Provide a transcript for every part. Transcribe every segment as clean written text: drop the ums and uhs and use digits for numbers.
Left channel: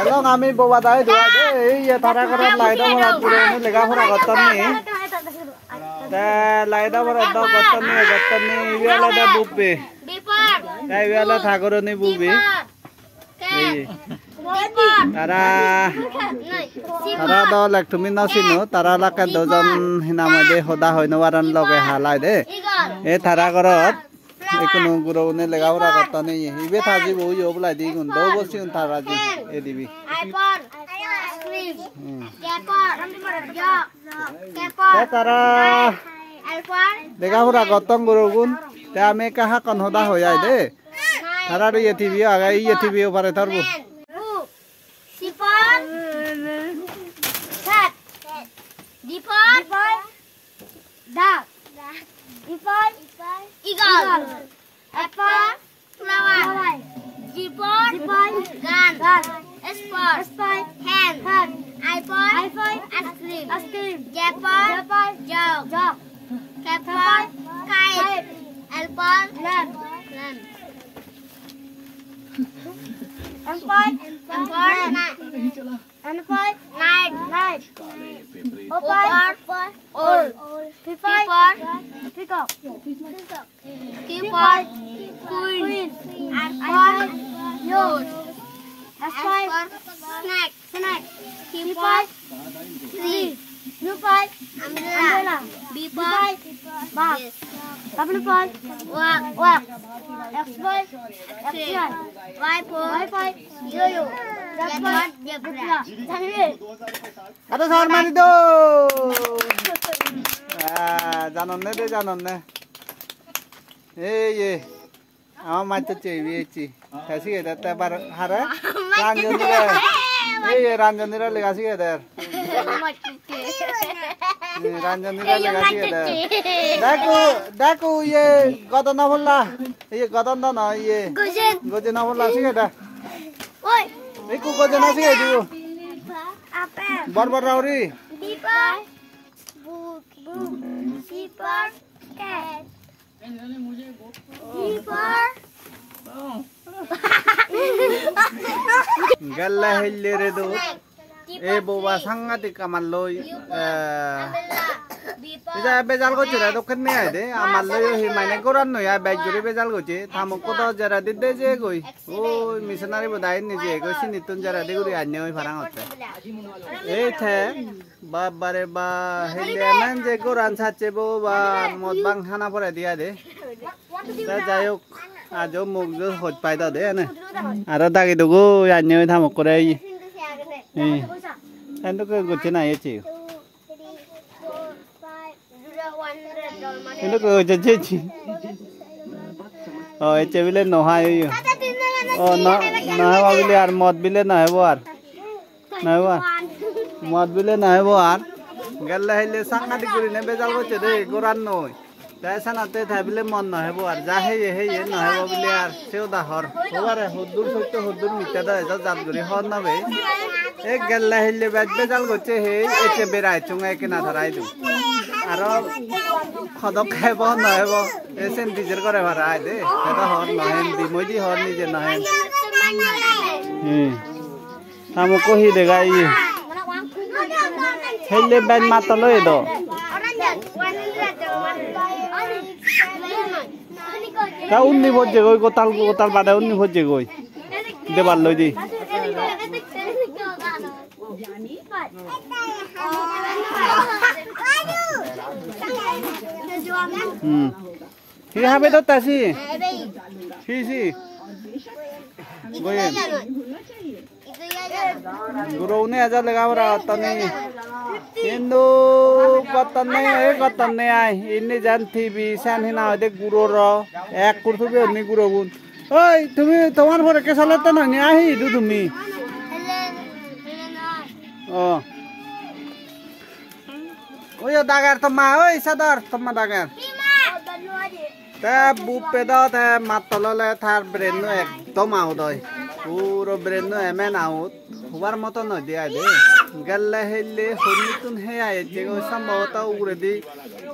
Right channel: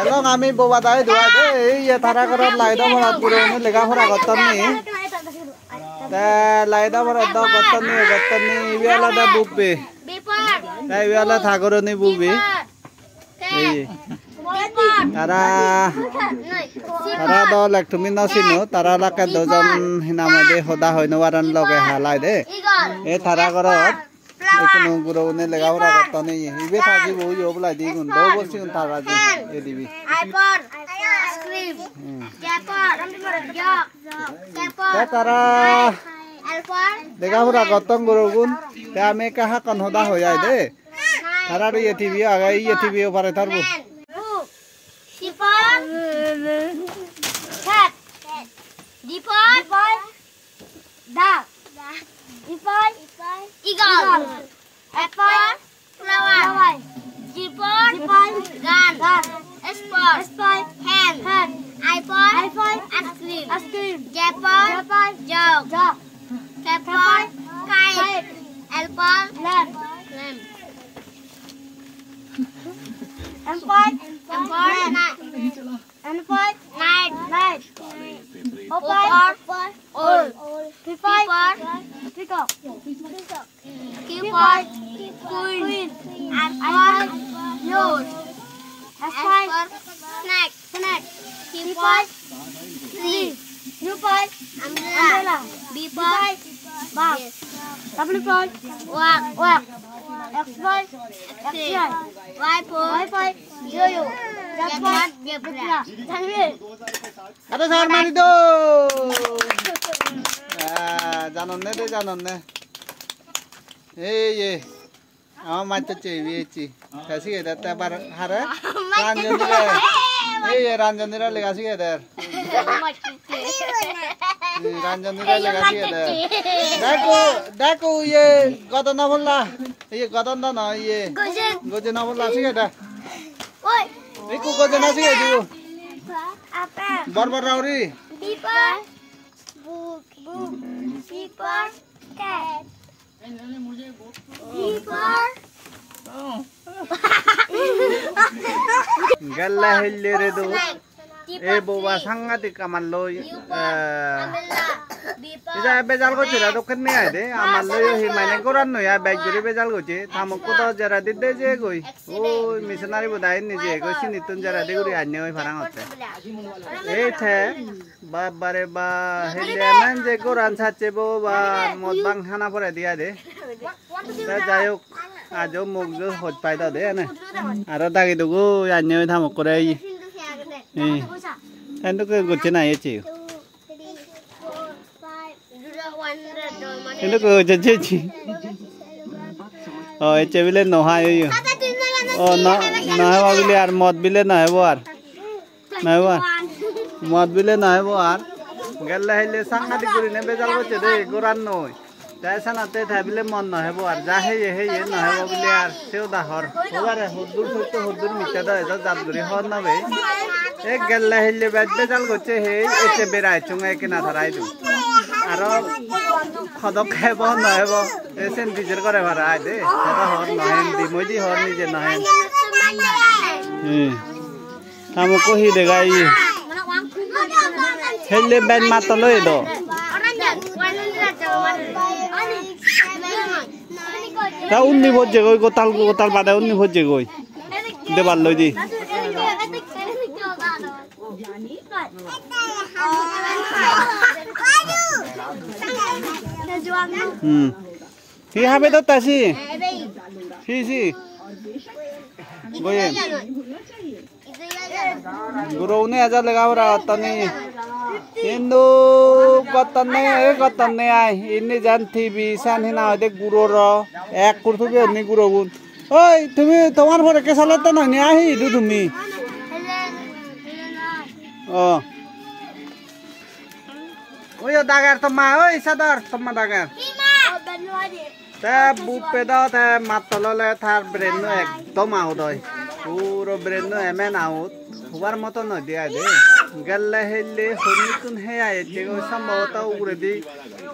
Elong ami bawa dai dua deh. Iya thara korot laido morat pura ini lega pura goton nih. Laido morat do goton nih. Iwala da bubi. Iwala thagoro nih bubi. Tara do lek tumin nasinu. Tara lakat dojan hinamai deh hoda hoino waran loge halai deh. Thara korot. Ekunu guru ne lega pura goton nih. Ibe thaji bu yo bulai di gun. Do bosi un thara di. Edibi. iPod, ice cream, Japor, jok, Japor, Tara. iPhone, lega pura goton guru gun. Te ame kaha kon hoda hoyai deh. Tara do ye TV aga ye TV opare tarbu. Sipon, cat, dipon, duck, dipon, eagle, apple, flower, dipon, gun, sport, hand, iPod, ice cream, Japon, jog, Japon, kite, apple, lamp. Night. Peacock. Keyboard. Queen. Nose. Snack. Keyboard. Tree. Umbrella. Beeper. Bus. W-point. Walk. X-point. X-ray. Y-point. Yo-yo. Z-point. Zebra. Ada sahur mani do. Janonne deh janonne. Ye. Ama macet cewek ci. Kasih ya data bar hara. Ranjani deh. Ranjani deh lekasih ya deh. Ranjani deh lekasih ya deh. Daku ye kata nampol lah. Ye kata na ye. Goje nampol lah sih ya deh. Iku goje nasi ya ju. Bar rauri. Beeper. Book. Beeper. Cat. Beeper. Galla hillere do. Boba sangat kamal loy. Ija bezal ko chira dokhan me aide amal loy hi maine koran no ya bag juri bezal ko che thamukko to jara didde je goi o missionary bodai ni je go sinitun jara de guri anne oi farang hotte the babare ba hille man je koran sache bo ba mod bang hana pore dia de ta jayok ajo mugjo hot paida de ane ara dagi dugo anne oi thamukko re endo ko gochena ye che ini kau jadi, oh itu bile noha itu, oh noha bile ar mod bile noha buar, mod bile noha buar, galla hele sangat dikuri ne bezal ko cede koran noi, jasa nate tha bile mod noha buar, jahe ye noha bile ar seo dah hor, hudur mita dah itu jab duri hor na be, galla hele bezal ko cede ete berai cungai kena tharai tu. Aro khodok khebo nohebo esen dijer kore bharai de eta hor nohen di moidi hor nije nohen amukko hi degai helle ben matolo edo ta unni bojje goi gotal bade unni bojje goi debal loi di Hi habe to tasi. Si. Goyen. Guru ne aja lega ora tani. Hindu kotan ne ai. Ini jan TV san hina de guru ro. Ek kurtu be ni guru gun. Oi, tumi tomar pore ke salat na ni ahi du tumi. Oh. Oi dagar tama oi sadar tama dagar. Te bupe da te matolo le thar breno ekdom out hoy puro breno emen out hubar moto no dia de galle helle honitun he aye je go sambhota ugure di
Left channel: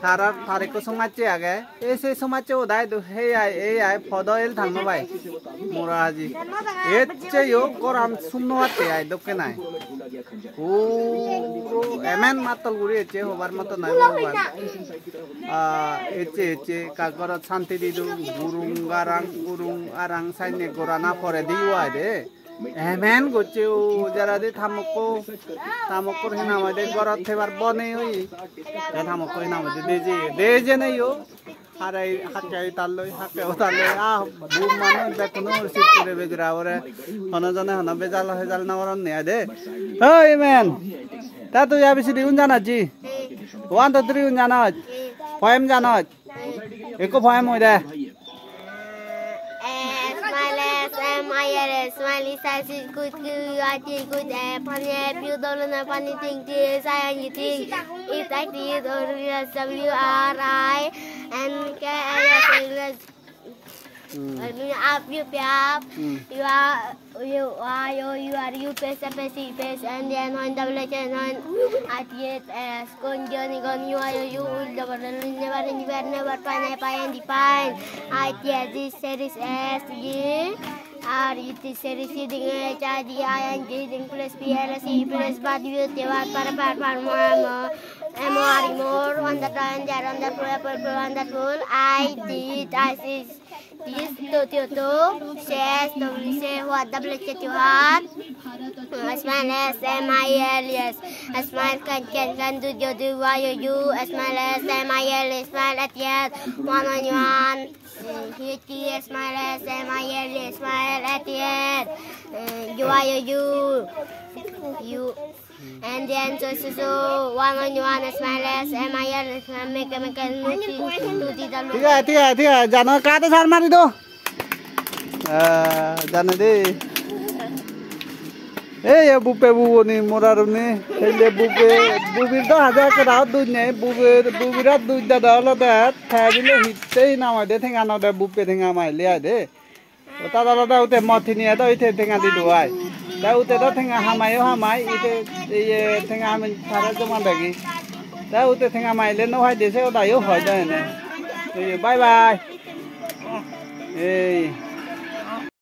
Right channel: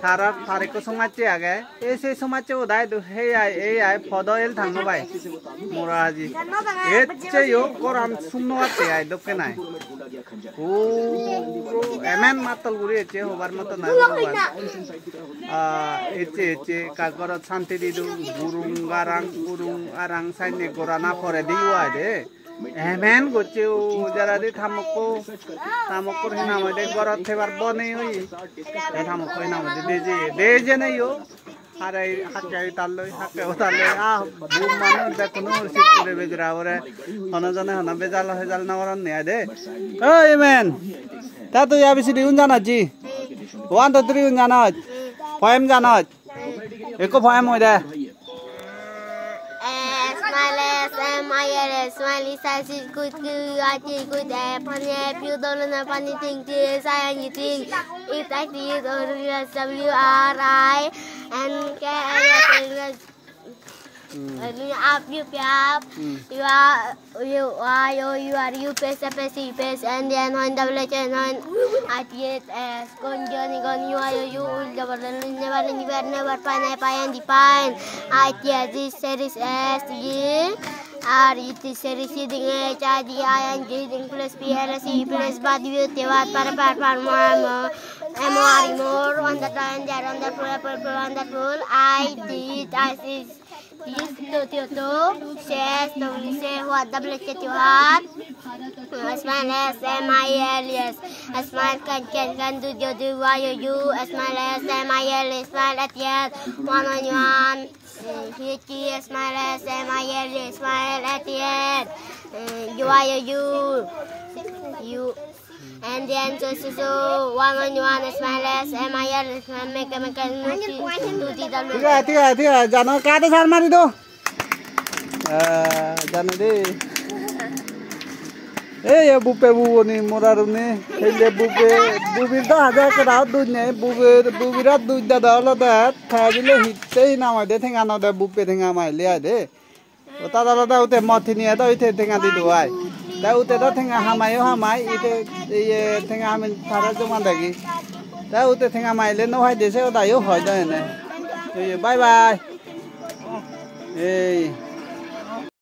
Sarar tarik ko sumaci age. Ese sumaci udah itu hey fodoel thangno bai. Muraji. Ece yo koran sumno ate ay dokenai. Emen matal guri ece hobar mato nai hobar. Ece kagorat santi didu burung arang saine gorana pore diwa de. Emen goche jara di thamoko hina made gorat thebar bone oi. Thamoko hina made deje nei yo. Harai hakai talloi bum manu da kono sit kore bejra ore hona jane hona bejal na waran ne ade. Hey man, ta tu ya bisi diun jana ji. 1 2 3 un jana. Poem jana. Eko poem hoy de. Smiley says it's good, I think good, funny, you don't know funny thing, science you think. It's like this, WRI, and KS. You pace, and then when WHN at yet as gone journey gone, you will never find and define. I yet this series as the it series HIDING plus PLC plus body more on the plan there on the pool. I see to says say what you have. As well as MIL, yes. As well can do why you as well as MIL smile at yet 1 on 1. He smile as MIL smile at the end. You and then so 1 on 1 smile as MIL make a Tiga, jangan ke atas almari tu. Jangan deh. Ya bupe ni morar ni. Hele bubir dah ada kerat dunia. Bubirat dunia dah lah dah. Thajile hitte nama deh tengah nama bupe tengah mai lihat deh. Otak dah ute mati ni ada ute tengah di dua. Dah ute dah tengah hamai ite ye tengah hamin thara cuma lagi. Dah ute tengah mai le no hai desa otak yo hai dah ni. Bye bye. Hey.